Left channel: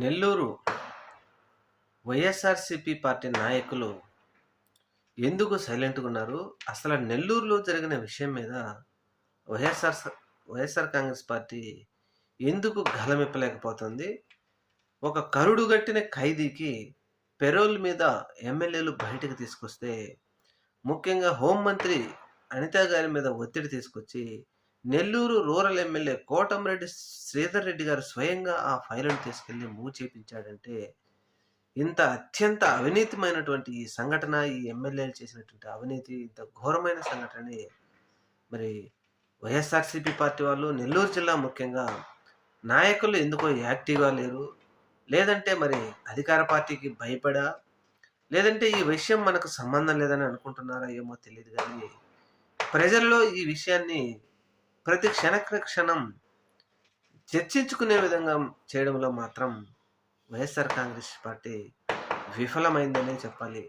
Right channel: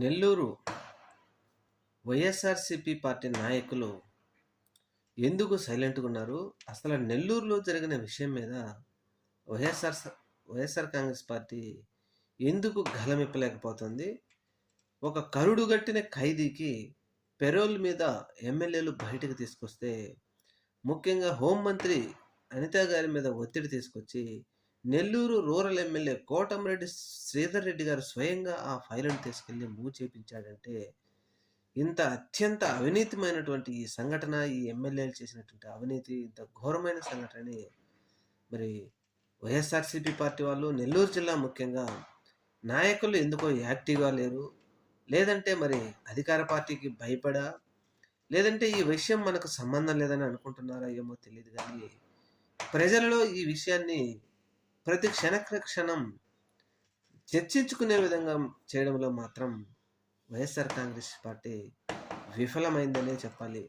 Nellore YSRCP party నాయకులు ఎందుకు సైలెంట్గా ఉన్నారు? అసలు నెల్లూరులో జరిగిన విషయం మీద వైఎస్ఆర్ వైఎస్ఆర్ కాంగ్రెస్ పార్టీ ఎందుకు గలమెప్పలేకపోతుంది? ఒక కరుడుగట్టిన ఖైదీకి పెరోల్ మీద ఎమ్మెల్యేలు బయటకు తీసుకొస్తే, ముఖ్యంగా హోంమంత్రి అనిత గారి మీద ఒత్తిడి తీసుకొచ్చి నెల్లూరు రూరల్ ఎమ్మెల్యే కోటంరెడ్డి శ్రీధర్ రెడ్డి గారు స్వయంగా ఆ ఫైలును తీసుకెళ్లి మూవ్ చేపించాడంటే, ఇంత అత్యంత అవినీతిమైనటువంటి ఈ సంఘటన, ఈ ఎమ్మెల్యేలు చేసినటువంటి అవినీతి ఇంత ఘోరమైన సంఘటనని మరి వైఎస్ఆర్సీపీ పార్టీ వాళ్ళు, నెల్లూరు జిల్లా ముఖ్యంగా నాయకులు ఎందుకో యాక్టివ్గా లేరు. లేదంటే మరి అధికార పార్టీకి భయపడా, లేదంటే ఈ విషయం మనకు సంబంధం లేదని అనుకుంటున్నారా ఏమో తెలియదు. కానీ ప్రజల్లో ఈ విషయాన్ని ప్రతి క్షణం చర్చించుకునే విధంగా చేయడంలో మాత్రం వైఎస్ఆర్ కాంగ్రెస్ పార్టీ విఫలమైందనే చెప్పాలి.